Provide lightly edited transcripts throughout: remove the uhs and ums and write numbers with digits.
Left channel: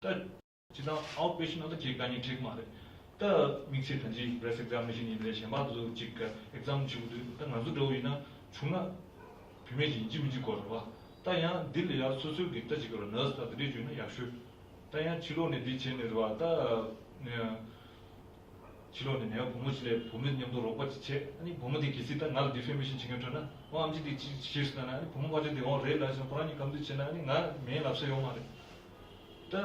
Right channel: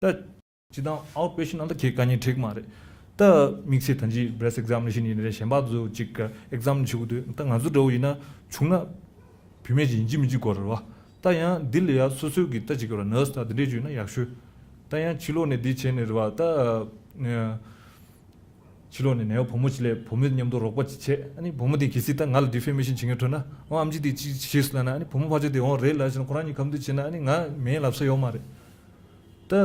다 지나 아웃페이션 안다 개간이 되게 말해 다 믹스 단지 브레스 examination 인데 셴바도 직 exam 치고도 딱 아주 더이나 중나 비메지 인지미지 거라 다야 딜이야 소소기 따지거라 너스다 드리주나 약수 다야 치료네 디체네도 다 치료네 내가 보모질에 보면님도 로봇체 아니 보모디 기시다 날 디페미션 징여토나 암지디 지시스나 아니 보모 바제데 레라진 코라니 감도 지나 아니 나 메일 앞서요 말에 다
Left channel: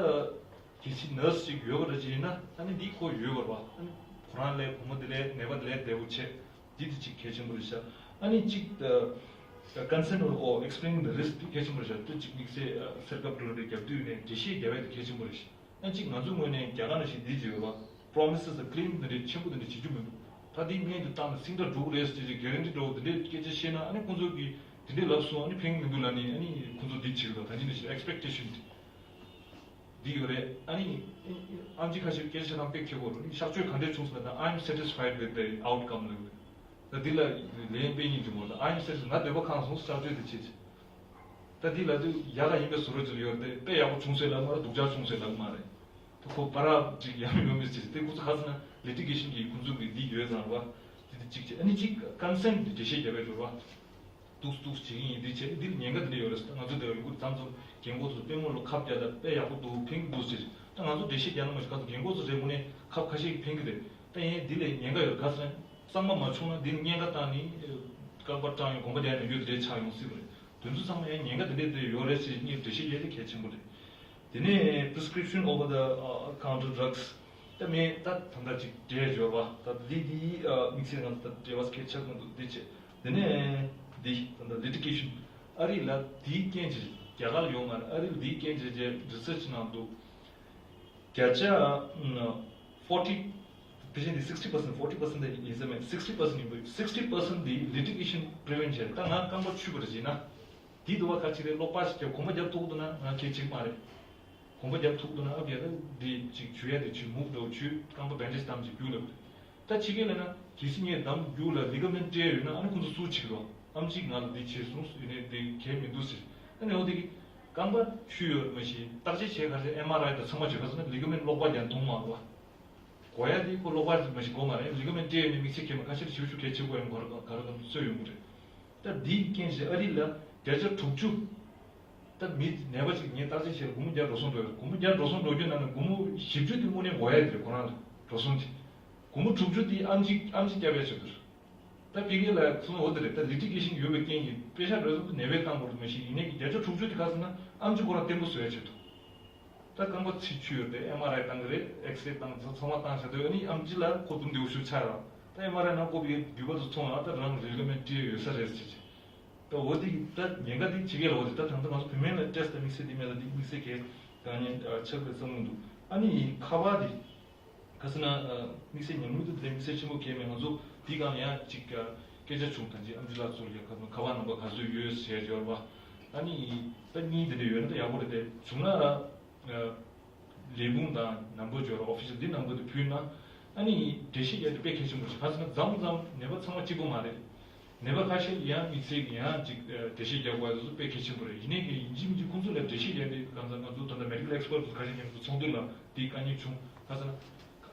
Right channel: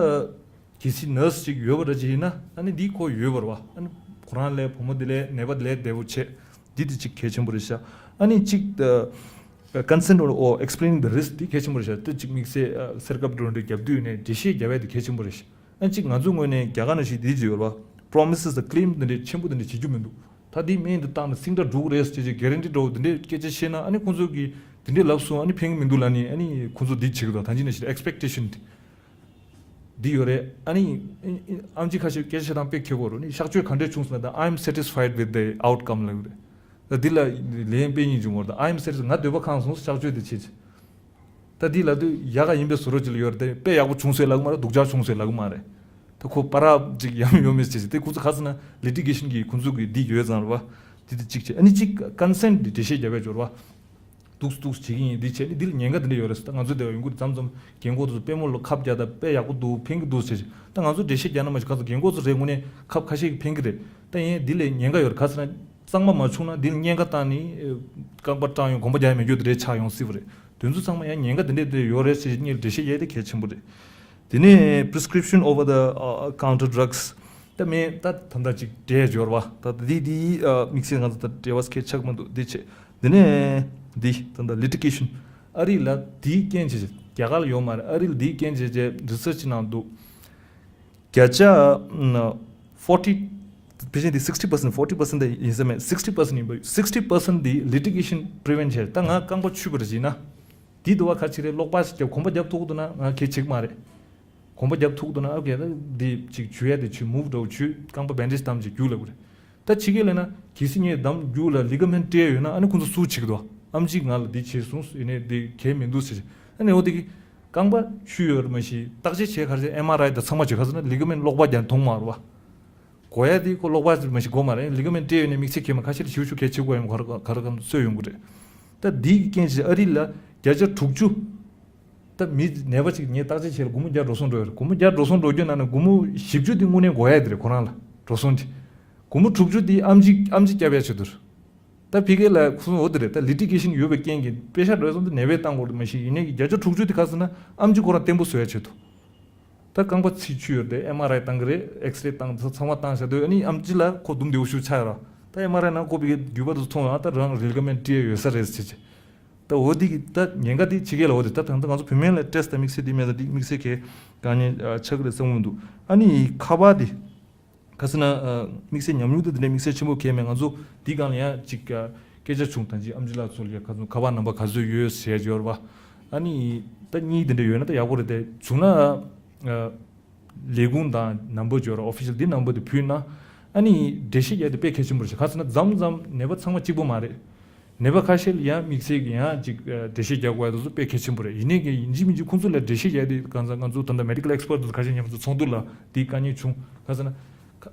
기시 너스 요거라지나 아니 니코 요거와 아니 쿠란레 보모딜레 네버딜레 데우체 디디치 개침부르샤 아니 직더 consent or explaining the risk di 개침부르샤 또 지금 믹세 서갑 드론데 갑두네 디시 개베드 개침부르시 아니 직 나중에 개가는시 디지요바 promises the claim 데 첨부데 지주면도 다디 메인도 땅 싱더 두레스 지 guarantee 도 데 개제시나 아니 군조기 데 럽수 아니 팽민둘라니 아니 군조 디치고도 단지네 expectation 디오레 아니 암직하실 계시랑 뺏겨보로니 샥주에 간대 중스나다 I'm satisfied with the outcome like the 딜라 레임페니 좀 모르다 I'm satisfied 나 되버 칸송 샥주에 되지 다딜라도 야가 임베 소로질 요르데 빼야고 중세라고 말아 독자 중세라고 말해 또 파라 지 야미 요메스지 때 구스 가스나 리티게이션 기 군주기 디 요자나 디디 직체 아니 직 컨센트 디시 잡아 줘봐 뚝뚝 지gin이 디체 딜 녀가들 요랬어 땅 아주 되어 인구 잠좀 경고도 빼몰로 캅자다 빼야고도 핑도 쓰지 땅 아주 대시 되는 말 가서 경고도 제문에 캅 가시 핑그데 땅에 딜에 녀가 요 가스나 쌍마 맞추나 딜 녀가 따니 깜빡타요 공부자면 요들의 차용 시브레 된수 상마야 녀가 된데 요레스 니 대시 예데 개침부데 디네 prescription over the counter drugs 때문에 다 단다지 대저와 다 디디 믹싱 하다 대was 개착만도 디체 디네 디 단다 litigation 아리라 디 켄지 야갈 요만 아릴 디 켄지 research 나도 갸자 40 percent 60% 40% is a 60% the litigation prevention 땅아 깡버 추버지나 디도와 같이 lokpas 저 공부 잡도도나 개책 말에 공부 잡도도나 하게 디 주야 디 move 주 깡버 밴디스 담지 줄어 그래 다 지게래나 기신이 담 줄어 리가멘트에 요나 아니 군도 수치기도 암지갈 디체순스 이네 디 개민두스 아니 어디 강바 슈어 마시 딱지 제가서 MRI다 성마지 가서는 리그멘 lok바잔 동마와 고야디 고 lok바지 마시 고마래 리그멘 띠에 믹스케만 가시 지우주 개치고 한 가르감 써용 그래 다디 켄지 어릴라 자저 툭주 다미 네버지 니 딱지 제 고무자 로선도 고무자 로선도 나는 고무 십주디 문에 고야들 고나라 로선디 고무 툭주디 암지 잡야치들 다 비게라 무슨 어디래 다 리티게이션 요베 깽기 페샤 로선도 네베 땅고도 마시 이네 자저 툭주디 가서나 암지 고라 템보 써야치도 다 강바 치추요데 MRI 땅그레 엑스레이 땅 성화 땅서도 아니 암지라 고dum데 우슈 차라 다 MRI 나 고비게 뉴버도 통하다 랑 리그멘트 요서레스지 다 어디 다 녀가디 지게라 어디 다 당당 가서 비밀 테스트 믹스 디메다 믹스케 가니 책을 성문도 아니 카바디 가스나 믹스 냠유도 데 믹스 치모 케멘 아주 디가냐 직가 계좌 중탄지 암질라 소리가 가서 가반 넘버 가서 유스 해줘봐 아니 딱니들 요나다 야고르데 주나 레군다 넘버 줘라 오피셜 디 넘버도 퓨나 아니 대시에도 패키지 물지 가스나 잠잠 네버 상마 찍고 말해 네버 카실 야 믹스기야 직 대시 자고야도 패키지 물에 이네게 인지민지 콘솔라 대시야디 간상간 주던다 메디컬 엑스퍼트 가진 님 송둘라 디까니 중 가스나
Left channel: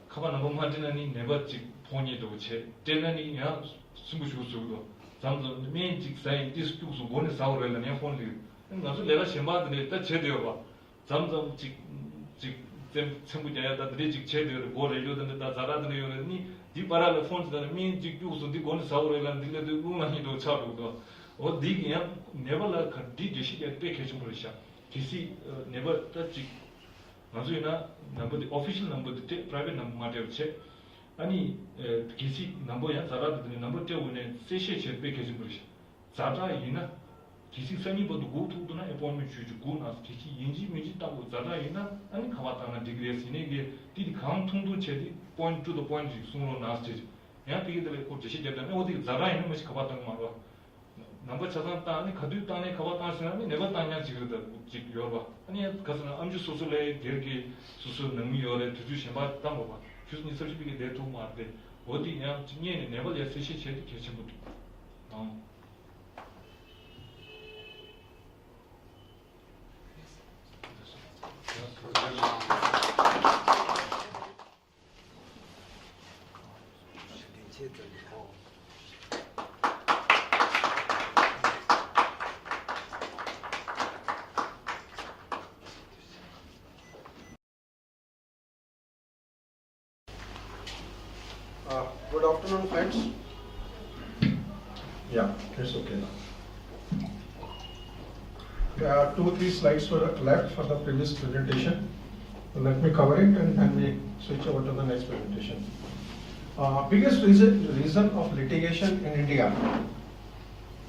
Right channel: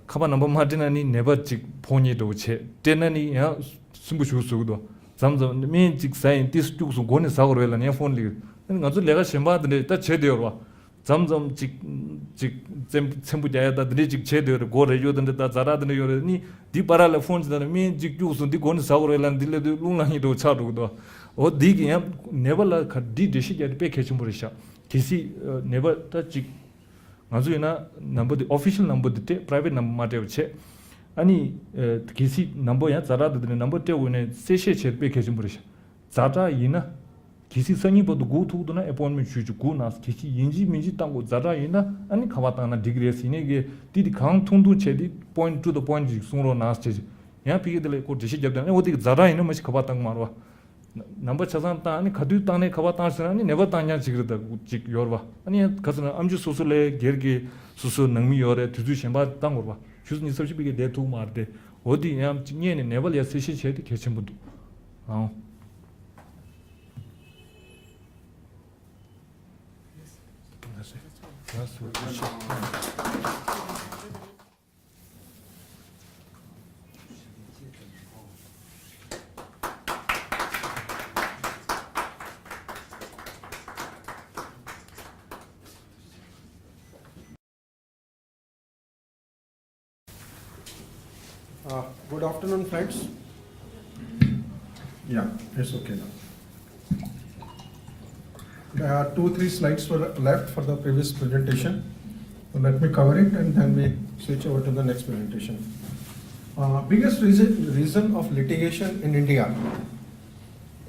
카바 넘버 마디나니 네버 직 폰이도 체 데나니 야 숨부슈수도 잠잠 메직 사이언티스트 쪽수 고네 사고르엘라니 폰리 가서 내가 심바드네 딱 제대로 봐 잠잠 직 셈부자야다 드리직 제대로 고레요던데 다 자라드네 요르니 디바랄 폰즈다 메직 쪽수 디 고네 사고르엘란 딜레도 룽랑이도 차도도 어 디기야 네버라 카디 데시야 패키지 모르샤 기시 네버 타직 아주이나 넘버 오피셜 넘버 데 프라이빗 넘버 마테오체 아니 기시 넘버야 자라드네 넘버 때문에 세셰체 패키지 모르샤 자자 이나 기시 성이보도 고투도나 애포인먼트 주주 고나스 기시 인지 민지 땅고 자자 이나 아니 가바타나 디그레스 이네게 디디 강통도 체디 포인트 투 더 포인트 송로 나스지 야 피게들 고 디시 잡다네 어디 자자 이나 마시 가바탕 마르와 넘버 차산타 아니 가두 땅에 가바타스라니 네버 땅냐 지그다 직 요르바 아니 가스나 암주 소술레 게르게 소소 능미 요레 두두 셴바 땅고 봐 주스니 서치비게 데투 마데 어디 야 징예네 네버 야스시 체디 개침부디 Good afternoon, friends. Yeah, it's okay now. There are 2-3 slides were left for the previous presentation. Let me cover it and then we switch over to the next presentation. Biggest reason of litigation in India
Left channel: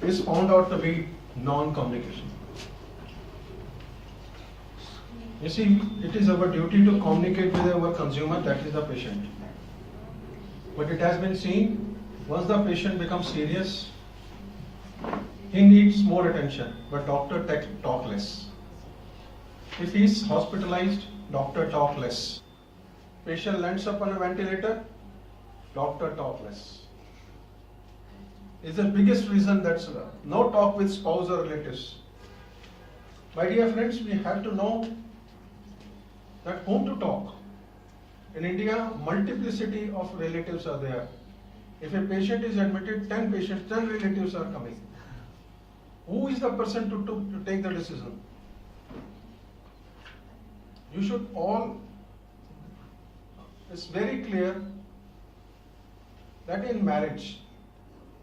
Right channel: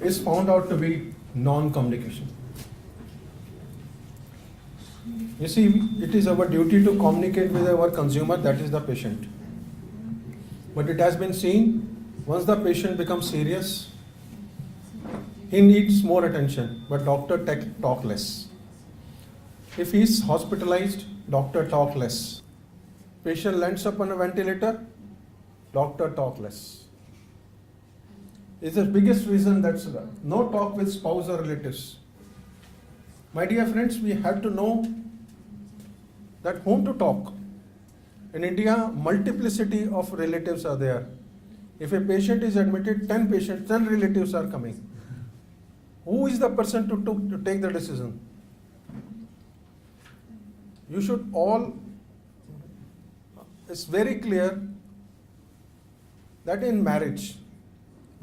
is found out to be non-communication. You see, it is our duty to communicate with our consumer, that is the patient. But it has been seen, once the patient becomes serious, he needs more attention, but doctor talk less. If he is hospitalized, doctor talk less. Patient lands up on a ventilator, doctor talk less. It's the biggest reason that's no talk with spouse or relatives. My dear friends, we have to know that whom to talk. In India, multiplicity of relatives are there. If a patient is admitted, 10 patients, 10 relatives are coming. Who is the person to take the decision? You should all, it's very clear that in marriage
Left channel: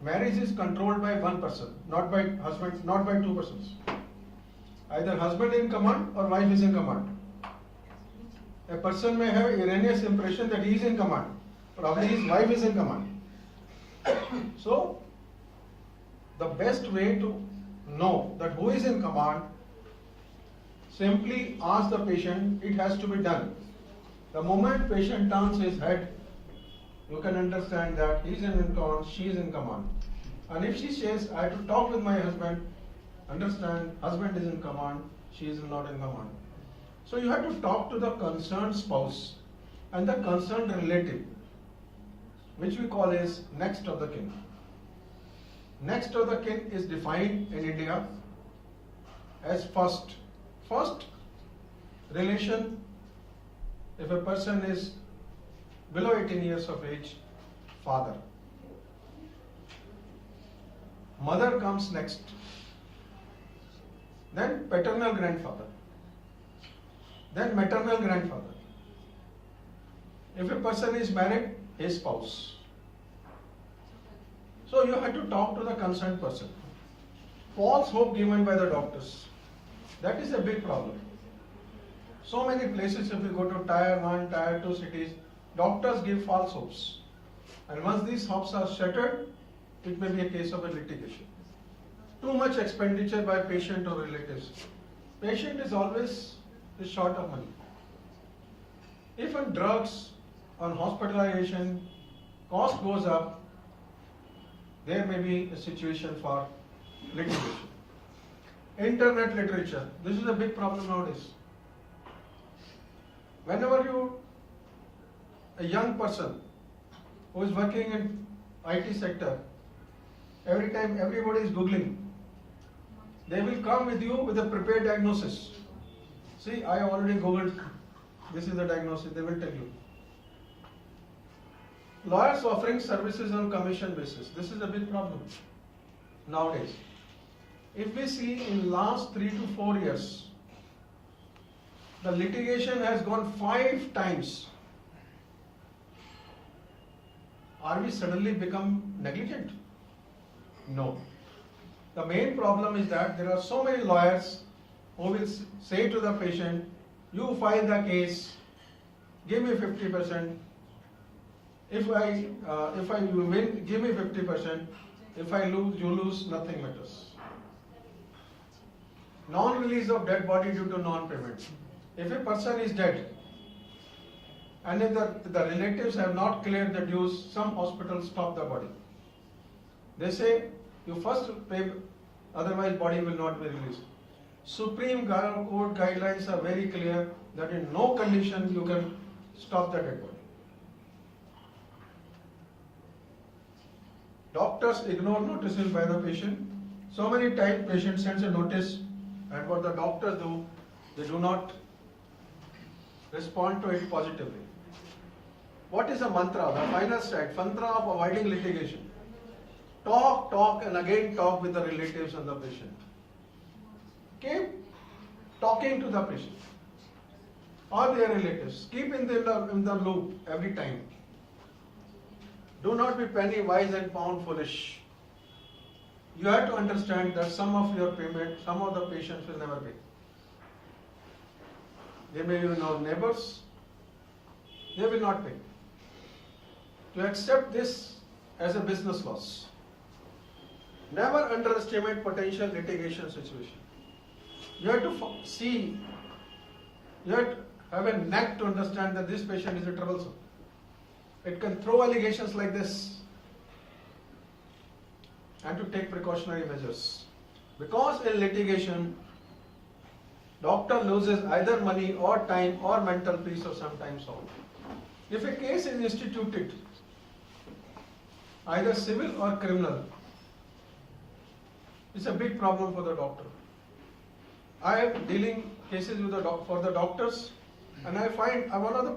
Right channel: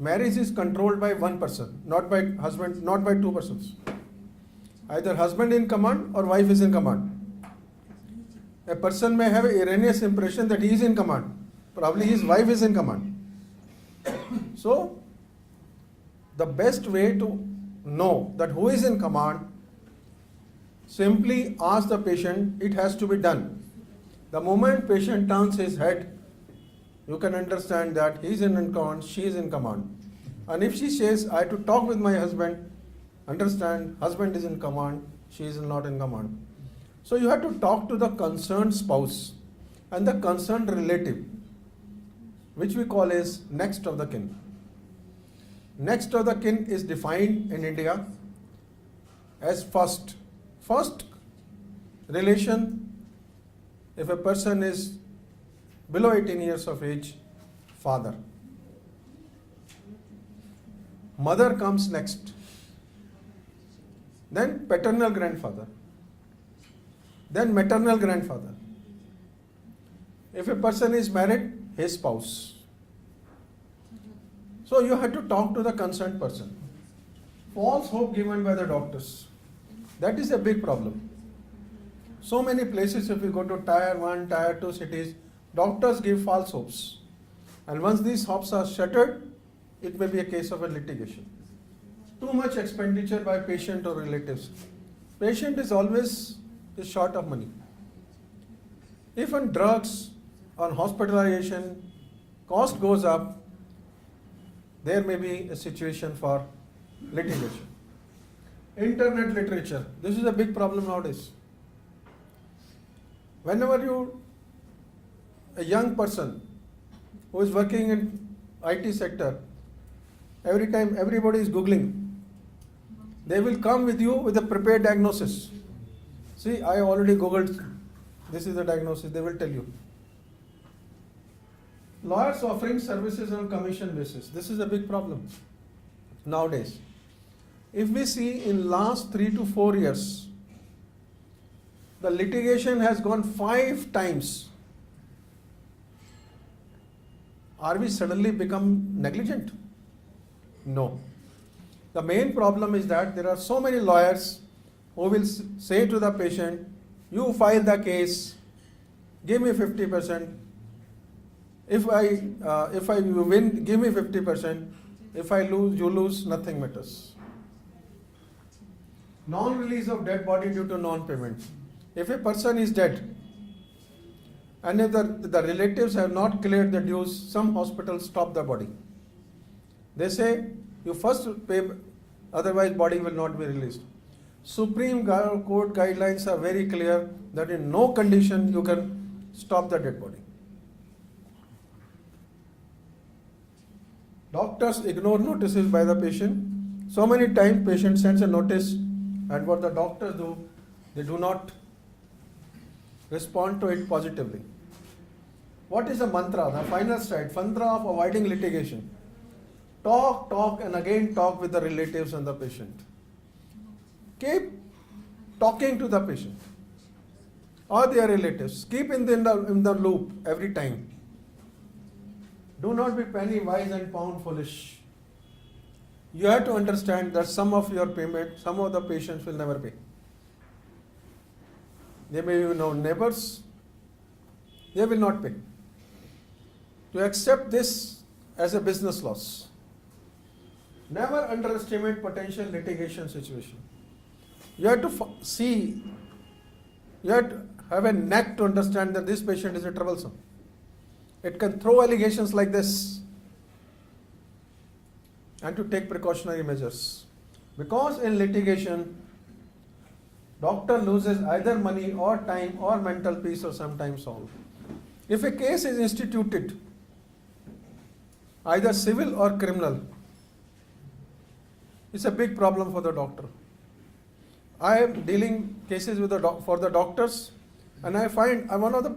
is controlled by one person, not by husband, not by two persons. Either husband in command or wife is in command. A person may have an erroneous impression that he is in command. Probably his wife is in command. So, the best way to know that who is in command, simply ask the patient, it has to be done. The moment patient turns his head, you can understand that he is in command, she is in command. And if she says, I have to talk with my husband, understand, husband is in command, she is not in command. So you have to talk to the concerned spouse and the concerned relative, which we call as next of the kin. Next of the kin is defined in India as first. First relation, if a person is below 18 years of age, father. Mother comes next. Then paternal grandfather. Then maternal grandfather. If a person is married, his spouse. So you have to talk to the concerned person. False hope given by the doctors. That is a big problem. So many places, if we go to tier 1, tier 2 cities, doctors give false hopes. And once these hopes are shattered, it may be a case of a litigation. Too much expenditure by patient or relatives. Patient is always short of money. If on drugs, on hospitalization, cost goes up, there may be a situation for litigation. Internet literature, this is a big problem nowadays. Whenever a young person who is working in IT sector, every time everybody is Googling, they will come with you with a prepared diagnosis. See, I already Googled, this is the diagnosis, they will tell you. Lawyers offering services on commission basis, this is a big problem nowadays. If we see in last 3 to 4 years, the litigation has gone 5 times. Are we suddenly become negligent? No. The main problem is that there are so many lawyers who will say to the patient, you file the case, give me 50%. If I win, give me 50%. If I lose, you lose, nothing matters. Non-release of dead body due to non-payment. If a person is dead, and if the relatives have not cleared the dues, some hospitals stop the body. They say, you first pay, otherwise body will not be released. Supreme Court guidelines are very clear that in no condition you can stop the dead body. Doctors ignore notices by the patient. So many times patient sends a notice, and what the doctors do, they do not respond to it positively. What is the mantra, the final slide, mantra of avoiding litigation? Talk, talk, and again talk with the relatives and the patient. Keep talking to the patient or their relatives. Keep in the loop every time. Do not be penny wise and pound foolish. You have to understand that some of your payment, some of the patients will never pay. They may be your neighbors, they will not pay. To accept this as a business loss. Never underestimate potential litigation situation. You have to see, you have to have a knack to understand that this patient is a troublesome. It can throw allegations like this and to take precautionary measures. Because in litigation, doctor loses either money or time or mental peace or sometimes all. If a case is instituted, either civil or criminal, it's a big problem for the doctor. I am dealing cases with for the doctors, and I find another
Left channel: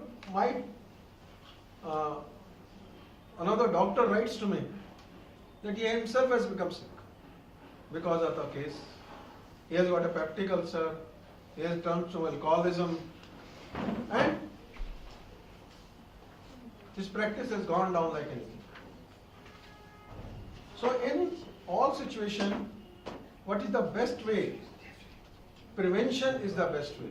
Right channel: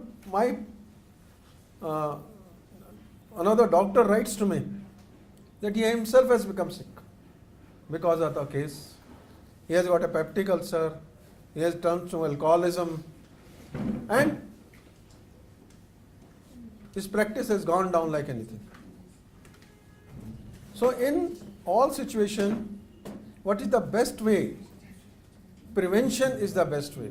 doctor writes to me that he himself has become sick because of the case. He has got a peptic ulcer, he has turned to alcoholism, and his practice has gone down like anything. So in all situations, what is the best way? Prevention is the best way.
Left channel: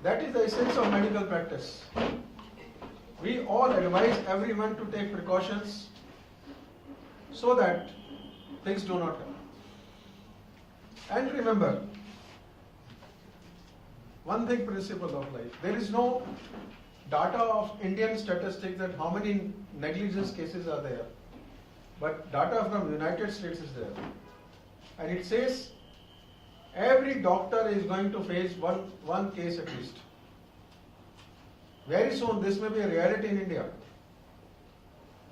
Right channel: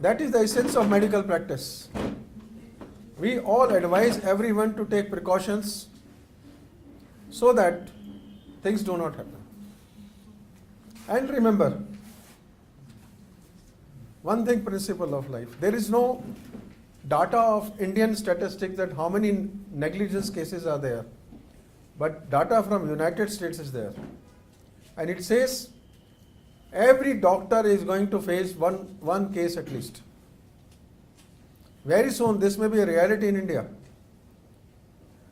That is the essence of medical practice. We all advise everyone to take precautions so that things do not happen. And remember, one thing, principle of life. There is no data of Indian statistics that how many negligence cases are there. But data from United States is there. And it says every doctor is going to face one case at least. Very soon this may be a reality in India.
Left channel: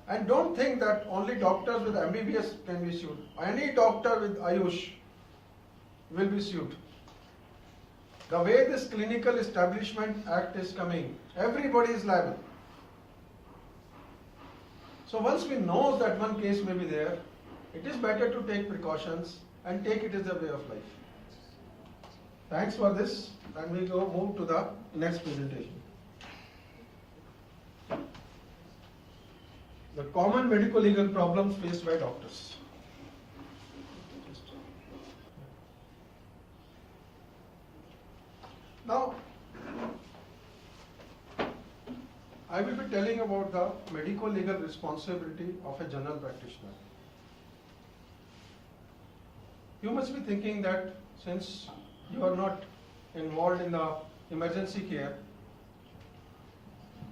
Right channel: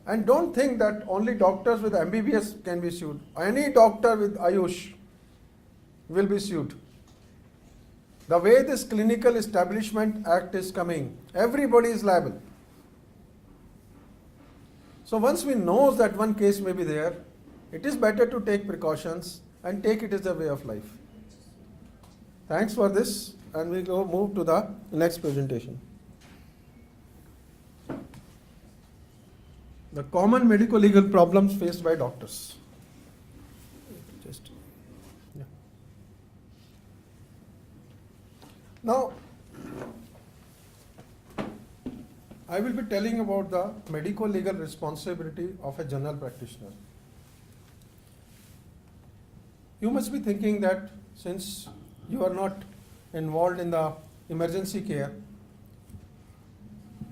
And don't think that only doctors with MBBS can be sued. Any doctor with Ayush will be sued. The way this Clinical Establishment Act is coming, everybody is liable. So once we know that one case may be there, it is better to take precautions and take it as a way of life. Thanks for this, and we go move to the next presentation. The common medico-legal problems faced by doctors. Now, I will be telling about the medico-legal responsibility of a general practitioner. You must be thinking that since you are not involved in the emergency care,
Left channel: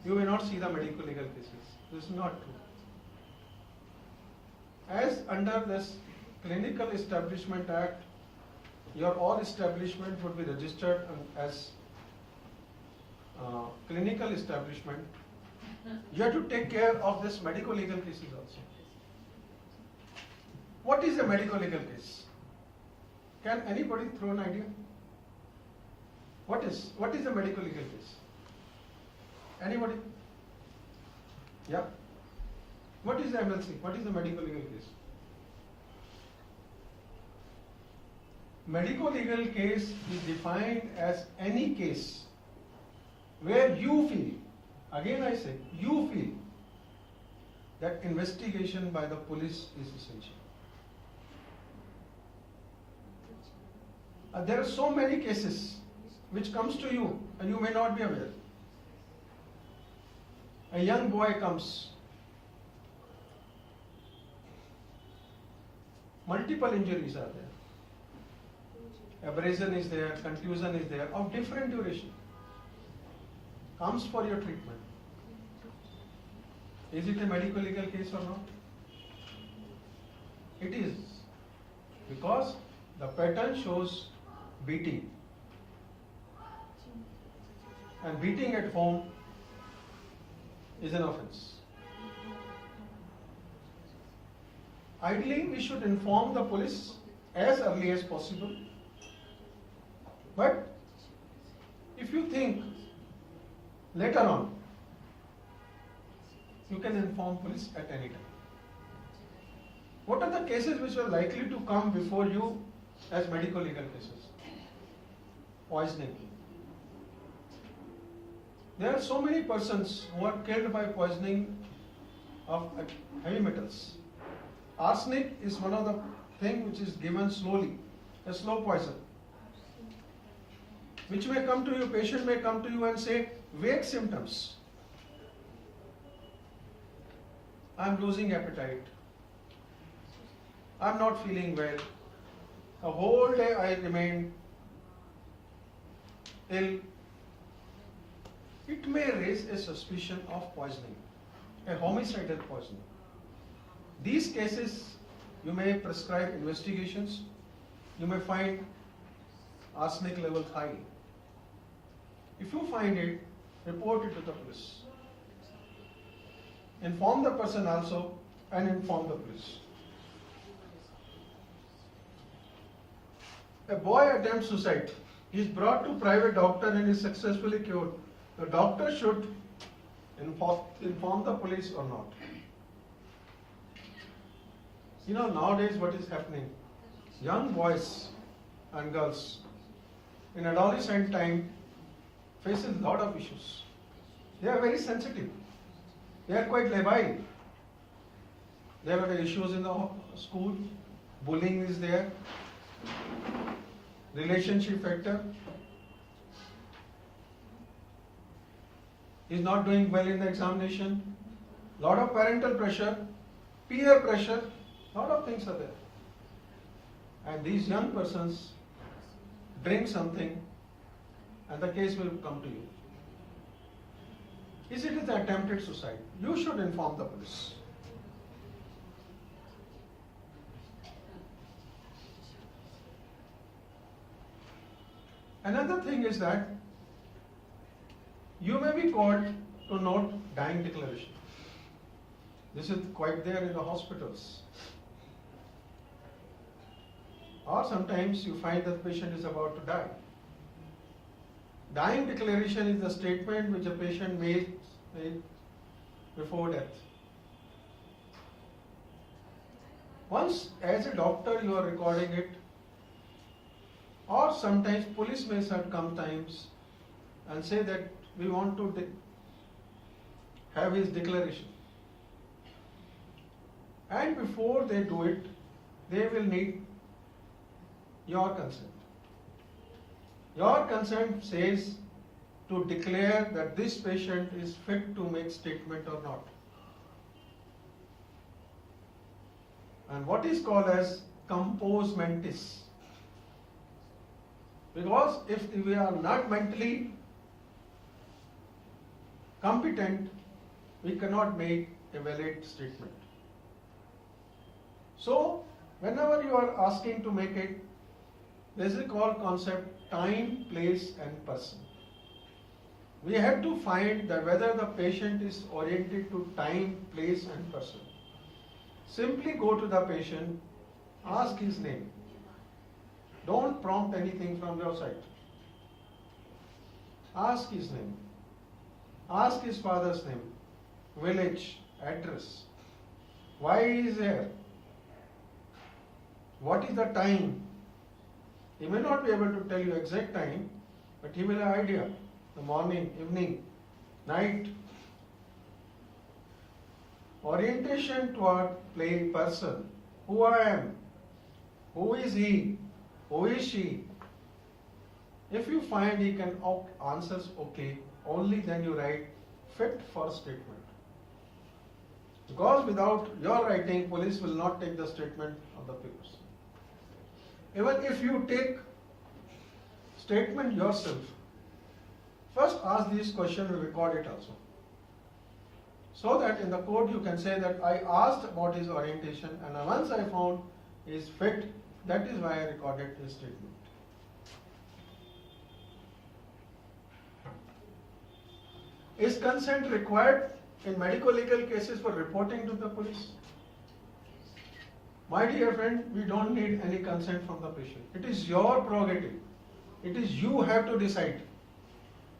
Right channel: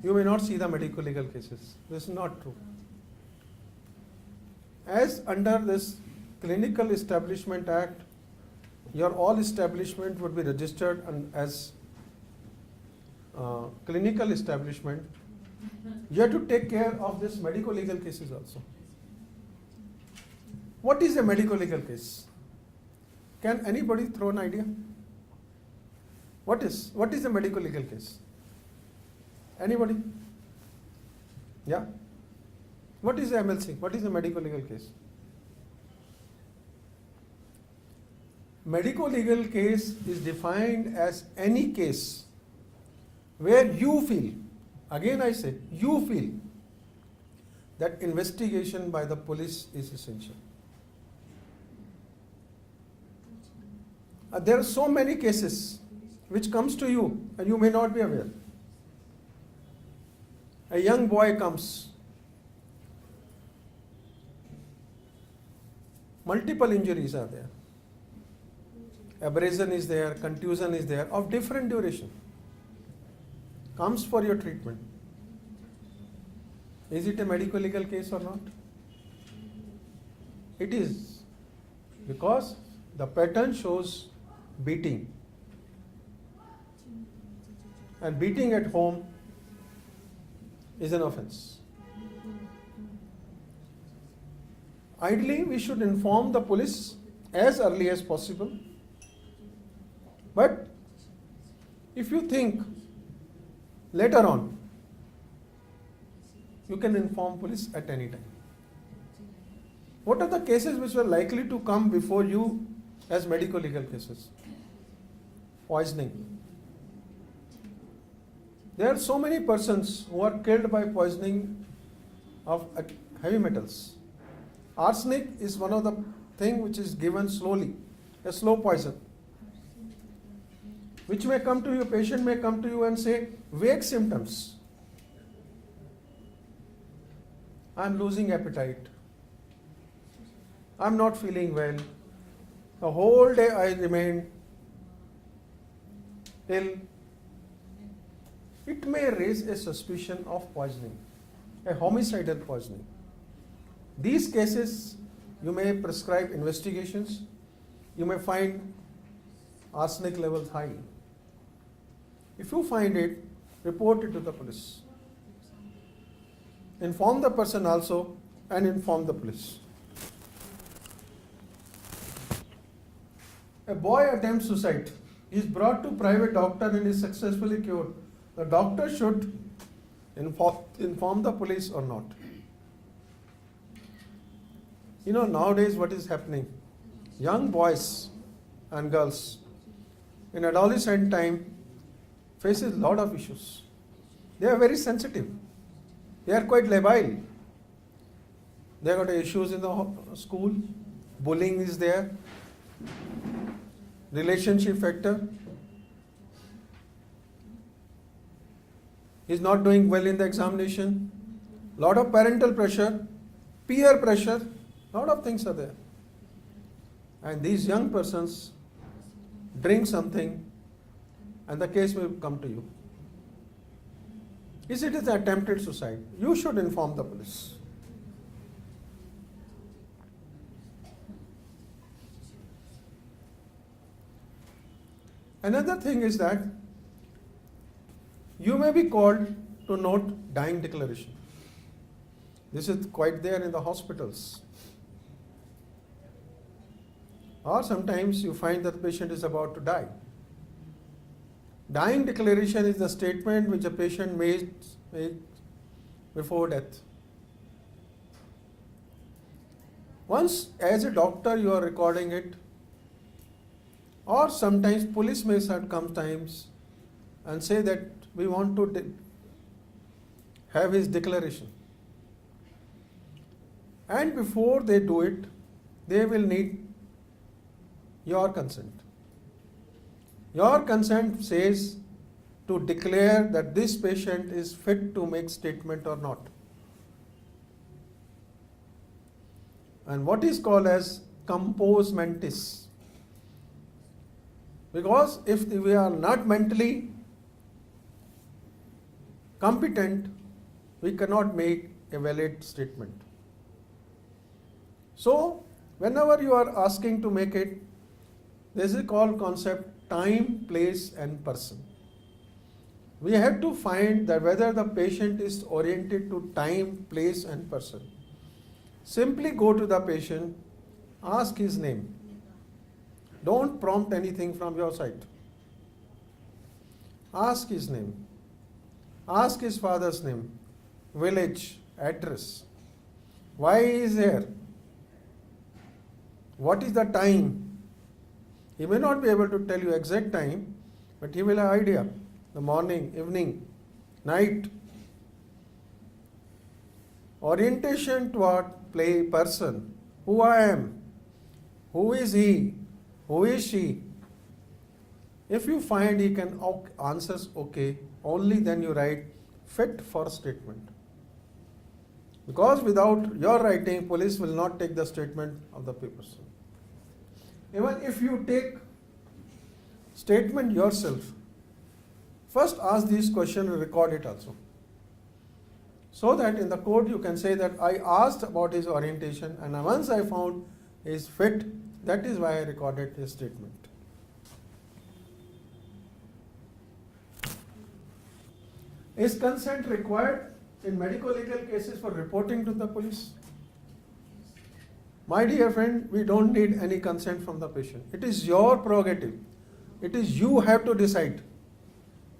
you may not see the medico-legal cases. This is not true. As under this Clinical Establishment Act, your all establishment would be registered as clinical establishment. You have to take care of this medico-legal cases also. What is a medico-legal case? Can anybody throw an idea? What is a medico-legal case? Anybody? Yeah? What is the MLC? What is the medico-legal case? Medico-legal case is defined as any case where you feel, again I say, you feel that investigation by the police is essential. There are so many cases which comes to you and you may not be aware. A young boy comes, multiple injuries are there. Abrasion is there, contusion is there, of different duration. Comes for your treatment. Is it a medico-legal case or not? It is, because the pattern shows beating. And beating at home is an offense. Ideally, we should inform the police as early as possible. But If you think later on, you can inform police at any time. What are the cases which were likely to come before you as medical legal cases? Poisoning. There are so many persons who are killed by poisoning of heavy metals. Arsenic is one of the things which is given slowly, a slow poison, which may come to you, patient may come to you and say, vague symptoms. I'm losing appetite. I'm not feeling well. The whole day I remain ill. It may raise a suspicion of poisoning, a homicidal poisoning. These cases, you may prescribe investigations. You may find arsenic levels high. If you find it, report it to the police. Inform the person also and inform the police. A boy attempts suicide. He is brought to private doctor and is successfully cured. The doctor should inform the police or not. You know, nowadays what is happening? Young boys and girls in adolescent time faces a lot of issues. They are very sensitive. They are quite labile. They have got issues in the school. Bullying is there. Relationship factor. He is not doing well in the examination. Lot of parental pressure, peer pressure. Lot of things are there. And these young persons drink something and the case will come to you. Is it an attempted suicide? You should inform the police. Another thing is that you may be called to note dying declaration. This is quite there in the hospitals. Or sometimes you find that the patient is about to die. Dying declaration is the statement which a patient makes before death. Once, as a doctor, you are recording it, or sometimes police may come times and say that we want to have his declaration. And before they do it, they will need your consent. Your consent says to declare that this patient is fit to make statement or not. And what is called as compos mentis. Because if we are not mentally competent, we cannot make a valid statement. So, whenever you are asking to make it, there is a called concept time, place and person. We have to find that whether the patient is oriented to time, place and person. Simply go to the patient, ask his name. Don't prompt anything from your side. Ask his name. Ask his father's name, village, address. Why he is here? What is the time? He may not be able to tell you exact time, but he will have idea. The morning, evening, night. Orientation toward play person. Who I am? Who is he? Who is she? If you find he can answers okay, only then you write fit for statement. Because without your writing, police will not take the statement of the person. Even if you take statement yourself, first ask these questions and record it also. So that in the court you can say that I asked about his orientation and once I found he is fit, that is why I recorded his statement. Is consent required in medical legal cases for reporting to the police? My dear friend, we don't need any consent from the patient. It is your prerogative. It is you have to decide.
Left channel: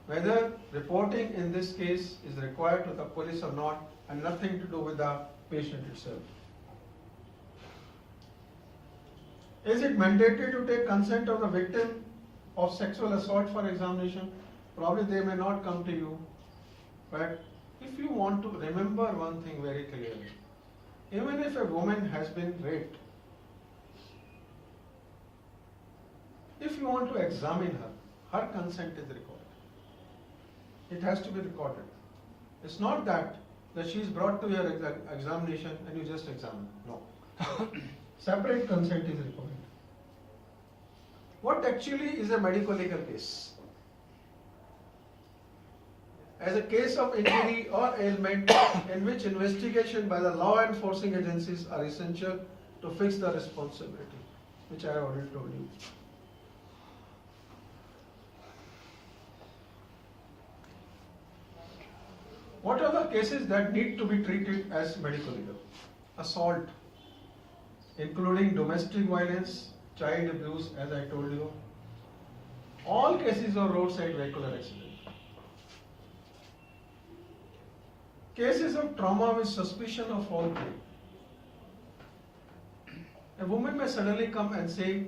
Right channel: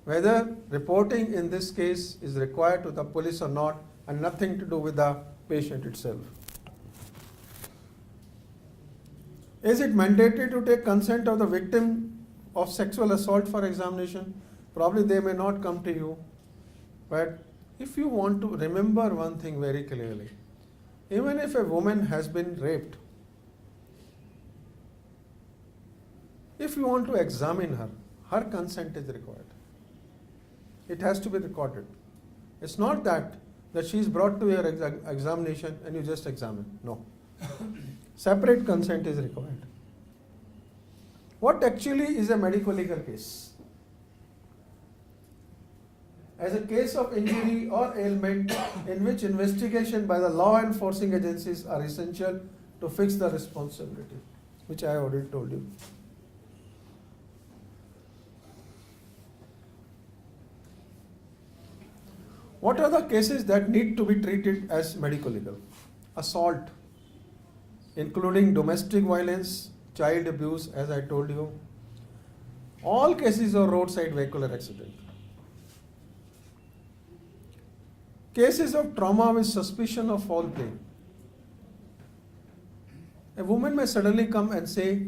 whether reporting in this case is required to the police or not, and nothing to do with the patient itself. Is it mandatory to take consent of the victim of sexual assault for examination? Probably they may not come to you, but if you want to remember one thing very clearly, even if a woman has been raped, if you want to examine her, her consent is required. It has to be recorded. It's not that she is brought to your examination and you just examine. No. Separate consent is required. What actually is a medical legal case? As a case of injury or ailment in which investigation by the law enforcing agencies are essential to fix the responsibility, which I already told you. What are the cases that need to be treated as medical legal? Assault, including domestic violence, child abuse, as I told you, all cases of roadside vehicular accident. Cases of trauma with suspicion of foul play. A woman may suddenly come and say,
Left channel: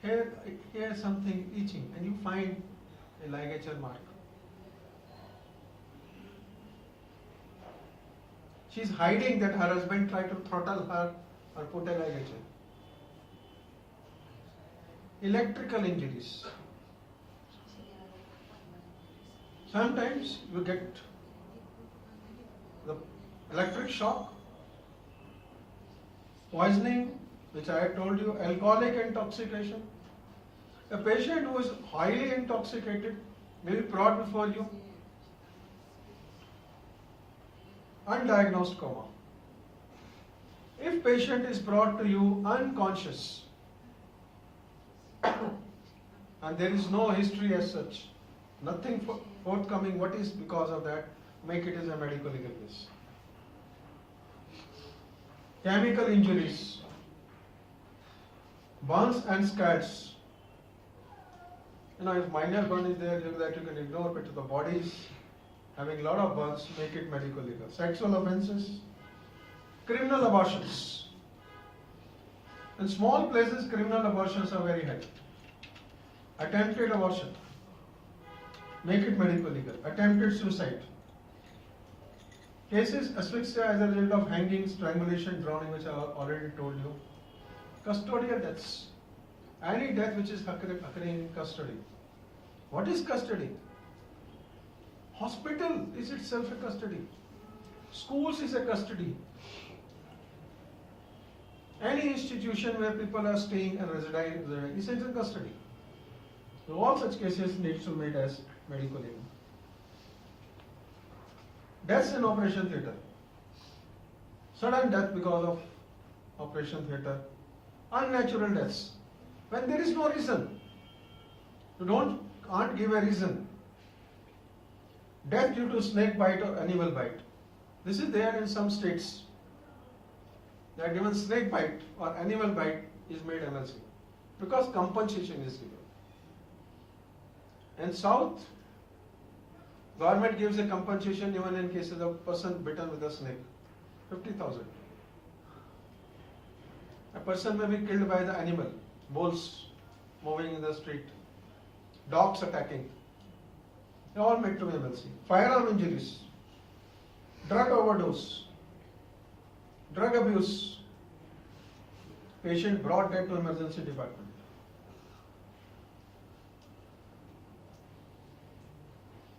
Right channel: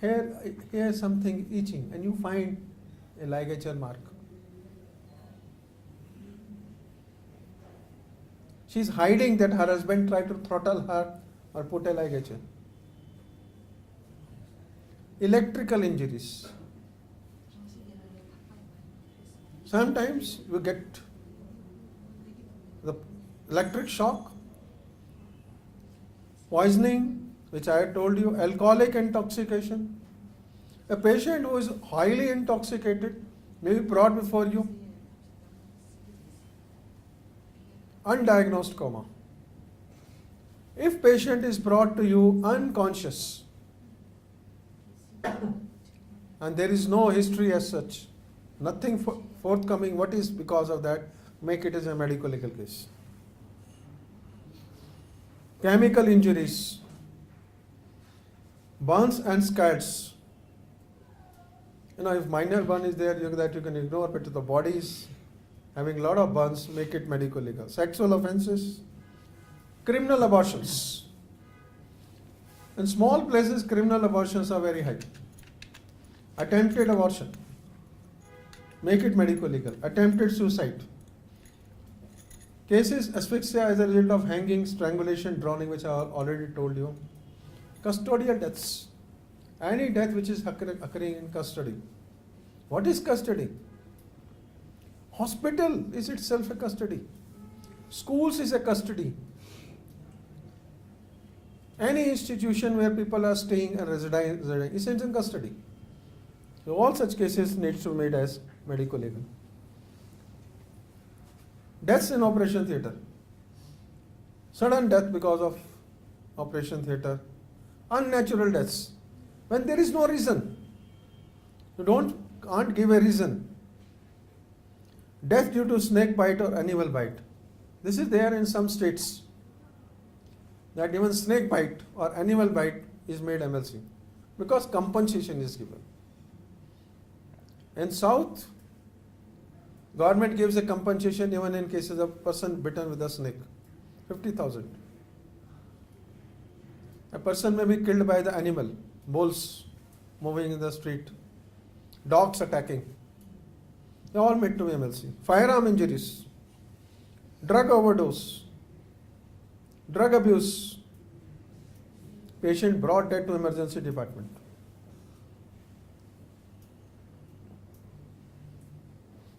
here is something itching, and you find a ligature mark. She is hiding that her husband tried to throttle her or put a ligature. Electrical injuries. Sometimes you get the electric shock, poisoning, which I had told you, alcoholic intoxication. A patient who is highly intoxicated may be brought before you. Undiagnosed coma. If patient is brought to you unconscious and there is no history as such, nothing forthcoming, what is because of that, make it as a medical legal case. Chemical injuries, burns and scars. If minor burn is there, that you can ignore, but the body is having a lot of burns, make it medical legal. Sexual offences, criminal abortions. In small places, criminal abortions are very high. Attempted abortion, make it medical legal. Attempted suicide. Cases asphyxia as a result of hanging, strangulation, drowning, which I already told you. Custodial deaths. Any death which is occurring in custody. What is custody? Hospital is itself a custody. Schools is a custody. Any institution where people are staying and residing is in custody. So all such cases need to be made as medical legal. Deaths in operation theatre. Sudden death because of operation theatre. Unnatural deaths. When there is no reason. You can't give a reason. Death due to snake bite or animal bite. This is there in some states. That even snake bite or animal bite is made MLC. Because compensation is given. In South, government gives a compensation even in cases of person bitten with a snake. 50,000. A person may be killed by the animal. Bulls moving in the street. Dogs attacking. They all made to be MLC. Firearm injuries, drug overdose, drug abuse, patient brought dead to emergency department.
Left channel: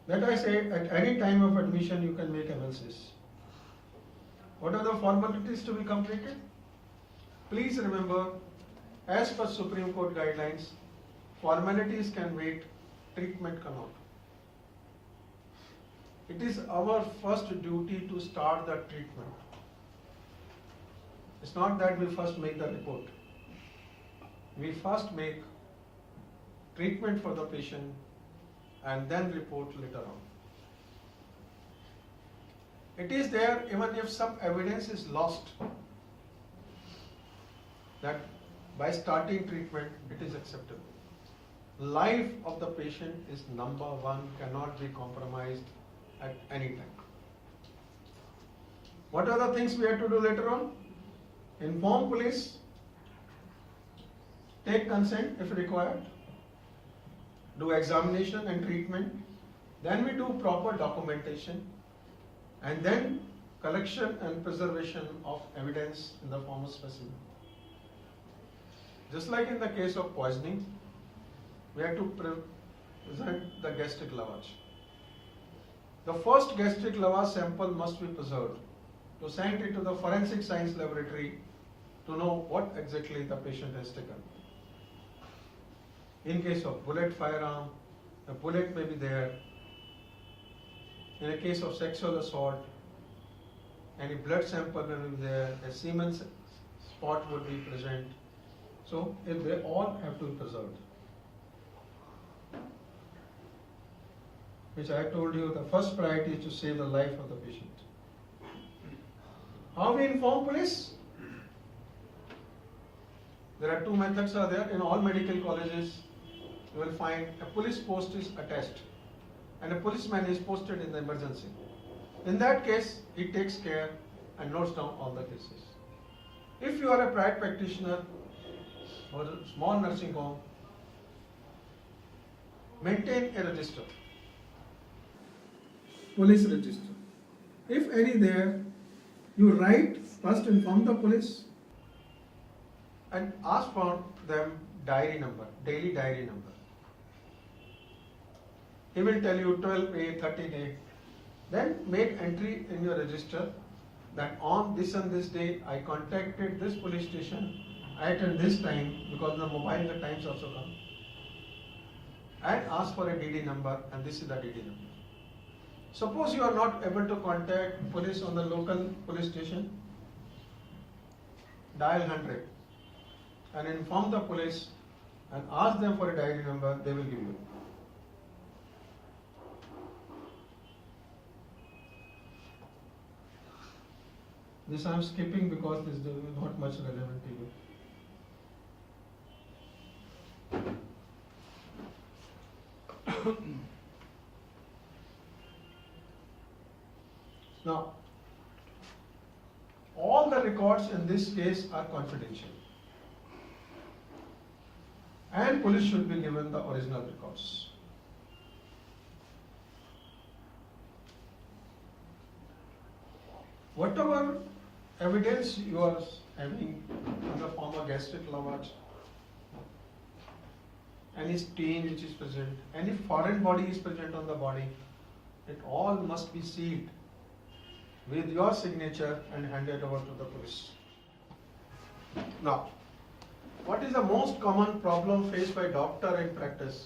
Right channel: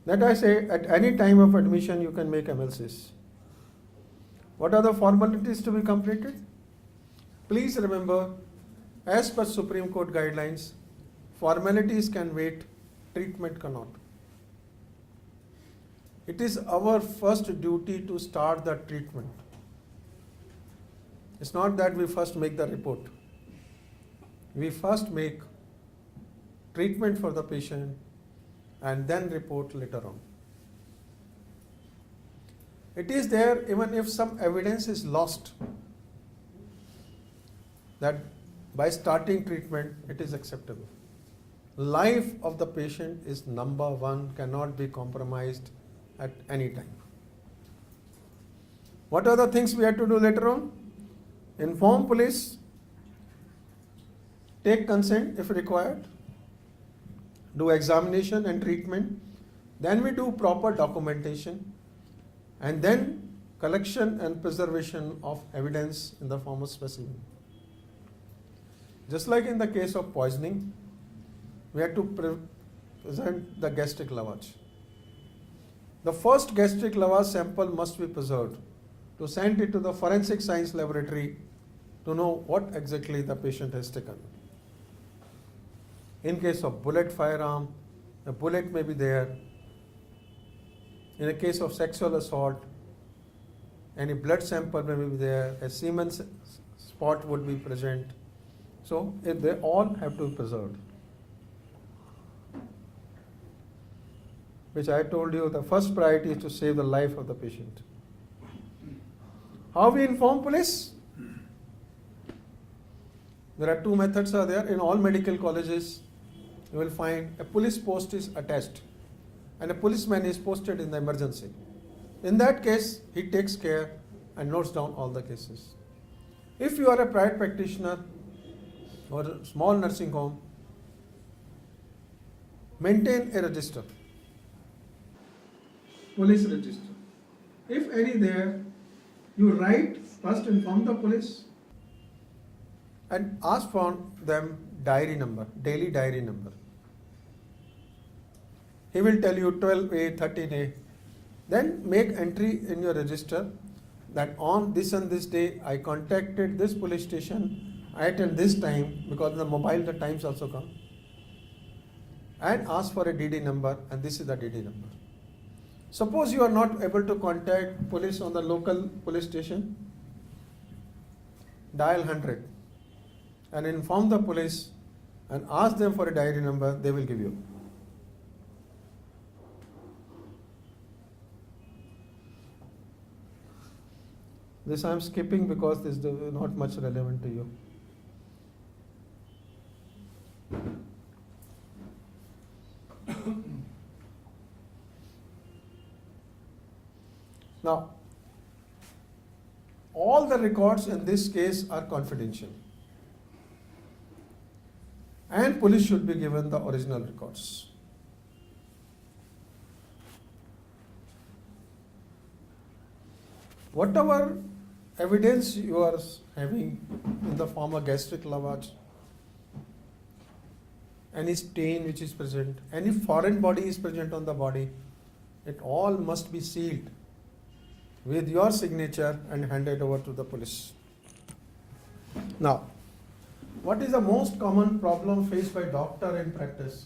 That I say, at any time of admission you can make MLCs. What are the formalities to be completed? Please remember, as per Supreme Court guidelines, formalities can wait, treatment cannot. It is our first duty to start the treatment. It's not that we first make the report. We first make treatment for the patient and then report later on. It is there even if some evidence is lost that by starting treatment it is acceptable. life of the patient is number one, cannot be compromised at any time. What are the things we have to do later on? Inform police, take consent if required, do examination and treatment, then we do proper documentation, and then collection and preservation of evidence in the form of specimen. Just like in the case of poisoning, we have to present the gastric lavage. The first gastric lavage sample must be preserved to send it to the forensic science laboratory to know what exactly the patient has taken. In case of bullet firearm, the bullet may be there. In a case of sexual assault, any blood sample may be there, a semen spot would be present. So they all have to be preserved. Which I told you, the first priority is to save the life of the patient. How we inform police? There are two methods are there. In all medical colleges, you will find a police post is attached and a policeman is posted in the emergency. In that case, he takes care and notes down all the cases. If you are a private practitioner or a small nursing home, maintain a register, police register. If any there, you write, first inform the police and ask for them diary number, daily diary number. He will tell you 12A, 13A. Then make entry in your register that on this and this day I contacted this police station at this time, because in the mobile the times also come, and ask for a DD number, and this is the DD number. Suppose you are not able to contact police on the local police station, dial 100 and inform the police and ask them for a diary number, they will give you. This I am skipping because this is not much relevant to you. Now, all the records in this case are confidential, and police should be given the original records. Whatever evidence you are having in the form of gastric lavage, any stain which is present, any foreign body is present on the body, it all must be sealed with your signature and handed over to the police. Now, what is the most common problem faced by doctor in practice?